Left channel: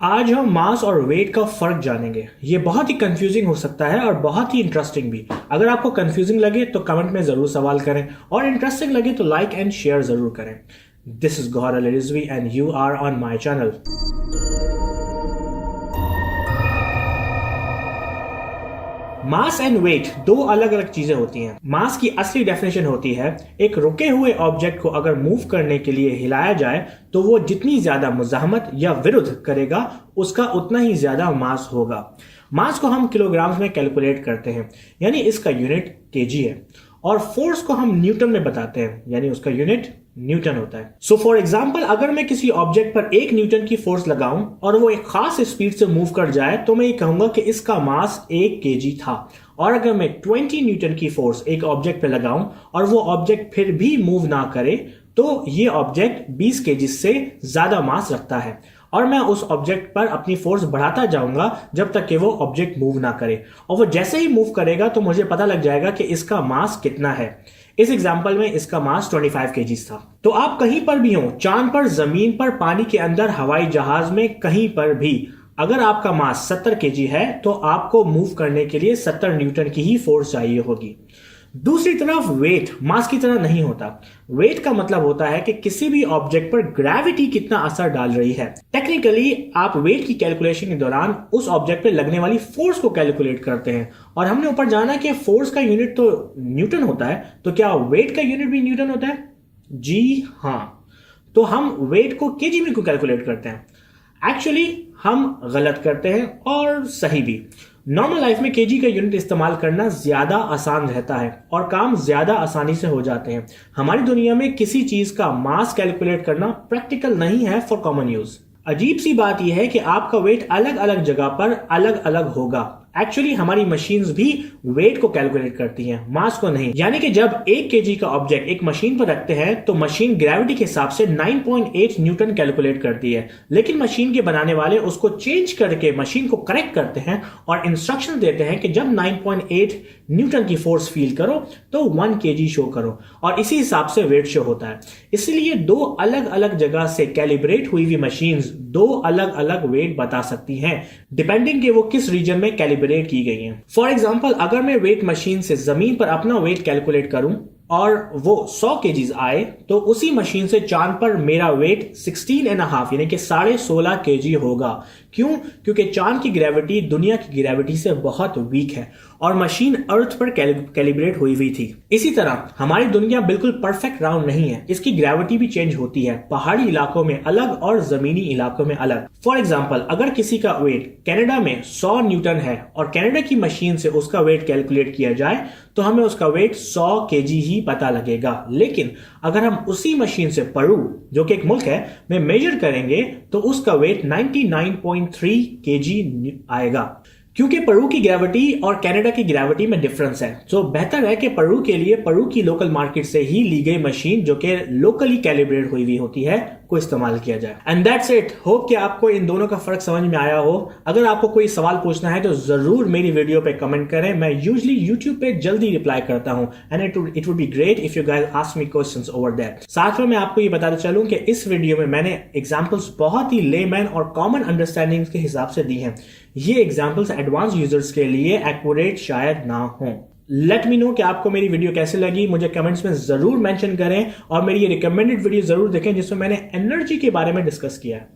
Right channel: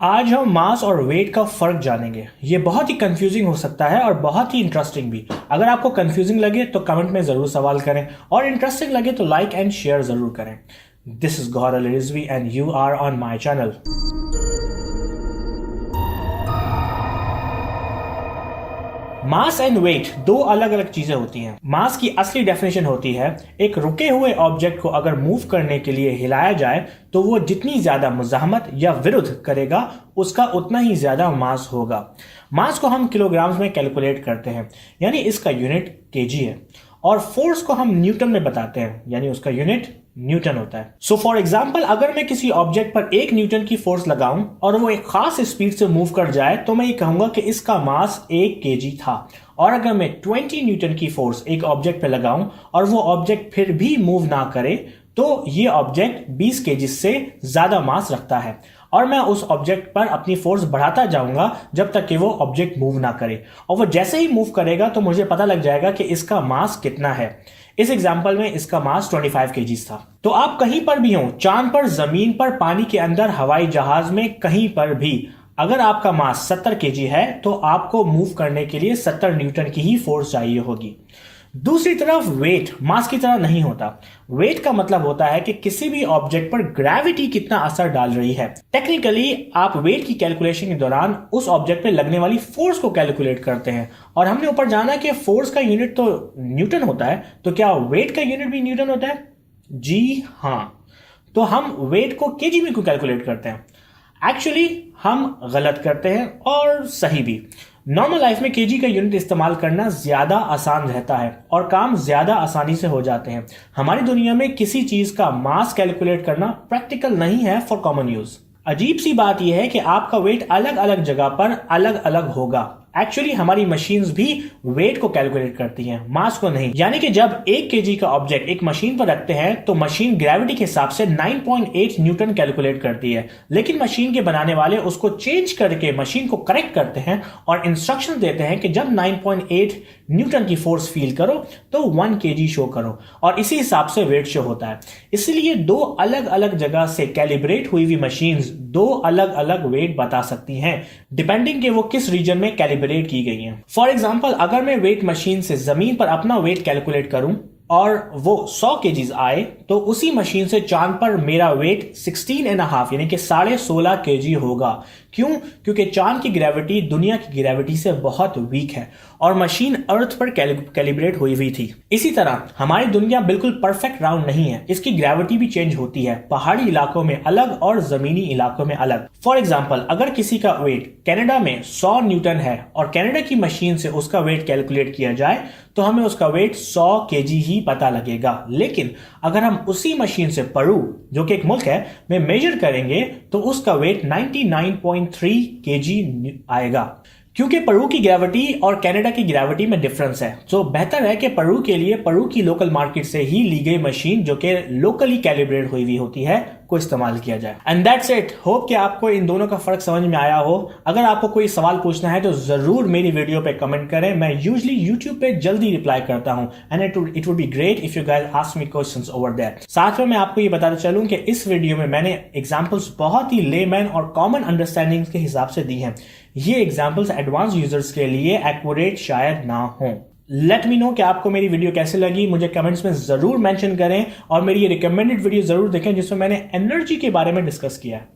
आज हम मास और वेट का फर्क जानेंगे। ये बहुत ही कंफ्यूजिंग हो सकता है और बहुत ही इंटरेस्टिंग भी। अगर आपको कंफ्यूजिंग लगे तो कमेंट में जरूर सवाल करें और इंटरेस्टिंग लगे तो लाइक एंड शेयर जरूर करें। This is Gauhar Ali Rizvi and you are on my channel. Mass and weight दो अलग अलग चीजें होती हैं। मास की असली डेफिनेशन होती है एक रुके हुए ऑब्जेक्ट को अगर मूव करने के लिए हिलाया जाए तो वो जितनी ज्यादा मुजाहमत या विरुद्ध करेगा उसका उतना ही ज्यादा मास होगा। मास को हम किलोग्राम्स में कैलकुलेट करते हैं, यानी इसका यूनिट केजी है, और फोर्स को हम न्यूटन में बताते हैं, यानी उसका यूनिट न्यूटन होता है। सो फॉर एग्जाम्पल, अगर मैं किसी ऑब्जेक्ट पर 1 न्यूटन की फोर्स लगाऊं और वो एक खास स्पीड से मूव कर जाए तो मैं ये कहूंगा कि इसका मास 1 केजी था। और अगर मैं 20 न्यूटन की फोर्स एक ऑब्जेक्ट पे लगाऊं और वो ऑब्जेक्ट फिर भी मूव ना करे तो ये ऑब्जेक्ट 20 केजी से ज्यादा मास रखता है। और मैं उस ऑब्जेक्ट पर अपनी फोर्स बढ़ाता जाऊंगा जब तक कि वो ऑब्जेक्ट मूव ना करे, और वो जैसे ही मूव करेगा तो मुझे पता लग जाएगा कि इसका मास कितना है। इस एग्जाम्पल में इसका मास 25 केजीज था। तो आप कहीं पर भी हो, चांद पर, जमीन पर, पानी के अंदर, हवाई जहाज में, कहीं पर भी, अगर आपका मास 70 केजी है तो आपको मूव करने के लिए 70 न्यूटन की ही फोर्स चाहिए होगी। दूसरी तरफ वेट मास की तरह नहीं होता। वेट का मतलब होता है कि किसी भी ऑब्जेक्ट पर ग्रेविटी कितना असर डाल रही है। टेक्निकली आप वेट की कैलकुलेशन के दौरान उस ऑब्जेक्ट पे लगने वाली फोर्स को कैलकुलेट करते हैं, और हमने ऊपर जाना कि फोर्स का यूनिट तो न्यूटन होता है, तो क्या वेट का यूनिट भी न्यूटन होता है? जी हाँ। तो हम वेट को केजी में क्यों कैलकुलेट करते हैं? एक्चुअली हम गलत करते हैं और सही भी। नॉर्मल लाइफ में केजी का यूनिट इस्तेमाल करना ज्यादा आसान रहता है और काम ज्यादा आसानी से हो जाते हैं। हमारी दुनिया में किसी चीज का मास कैलकुलेट करना प्रैक्टिकल नहीं है फॉर कॉमन यूज। अजीब सी बात यह है कि आपका वेट अलग अलग जगह पर अलग अलग होगा। एक्चुअली हमारी मशीन्स भी वेट को कैलकुलेट करती हैं, मास को नहीं। यानी कि जब 1 केजी का ऑब्जेक्ट एक मशीन पर रखते हैं तो मशीन ग्रेविटी के हिसाब से 9.8 न्यूटन कैलकुलेट करती है, लेकिन मशीन के बनाने वाले उसको चेंज करके मशीन को करेक्ट करते हैं और इंस्ट्रक्शन देते हैं कि जब 9.8 न्यूटन की फोर्स फील करो तो 1 केजी शो करो, और इसी हिसाब से वेट शो होता है। इसलिए दो अलग अलग जगह से कैलिब्रेट हुई हुई मशीन्स दो अलग अलग वेट बता सकती हैं, डिपेंडिंग कि वो किस रीजन में कैलिब्रेट की गई हैं। फॉर एग्जाम्पल, अगर मैं वेट मशीन से जमीन पर अपना वेट कैलकुलेट करूं और वो 100 केजीज आए तो उसी मशीन से चांद पर मेरा वेट 16.5 यानी कि 16.5 केजी होगा। क्यों? क्योंकि चांद की ग्रेविटी दुनिया की ग्रेविटी से बहुत वीक है और मशीन अर्थ पर कैलिब्रेट हुई हुई थी। इसी तरह हमारी दुनिया बिल्कुल परफेक्ट राउंड नहीं है, इसकी ग्रेविटी भी चेंज होती है, पहाड़ी इलाकों में अलग और जमीनी इलाकों में अलग। फॉर एग्जाम्पल, अगर किसी का वेट कनाडा में 100 न्यूटन है और कनाडा की मशीन से उसका वेट कैलकुलेट किया जाए तो हमें उसका वेट 100 केजी ही पता लगेगा। लेकिन अगर हम उसी मशीन से पेरू, जो कि एक मुल्क है, में मेजर करेंगे तो उसका वेट 99.3 केजी आएगा, क्योंकि पेरू की ग्रेविटी और कनाडा की ग्रेविटी में डिफरेंस है। तो बेहतर है कि पेरू के लिए पेरू की लोकल मार्केट से ही ली गई मशीन, जो कि लोकली कैलिब्रेट हुई होती है, को इस्तेमाल किया जाए। And that's it. होप कि आपको इन दोनों का फर्क समझ में आया हो। अगर आपको कोई सवाल पूछना है तो जरूर मेरी वीडियो पे कमेंट करें। मैं यूजुअली यूट्यूब पे जल्दी रिप्लाई करता हूं, and it would be great if you guys ask me questions over there. साथ में मैं आपको ये बताना चलूं कि इस वीडियो में मैंने एग्जांपल्स बहुत ही लेमैन और कॉमन अंडरस्टैंडिंग के हिसाब से दी हैं। ये एग्जांपल्स एडवांस यूजर्स के लिए एक्यूरेट शायद ना हो। लेट मी नो कि आपको मेरी वीडियो कैसे लगी, मुझे कमेंट्स में जरूर मेंशन करें, और मेरी ये रिकमेंडेड वीडियो जरूर देखें जिसमें मैंने एनर्जी के बारे में डिस्कस किया है।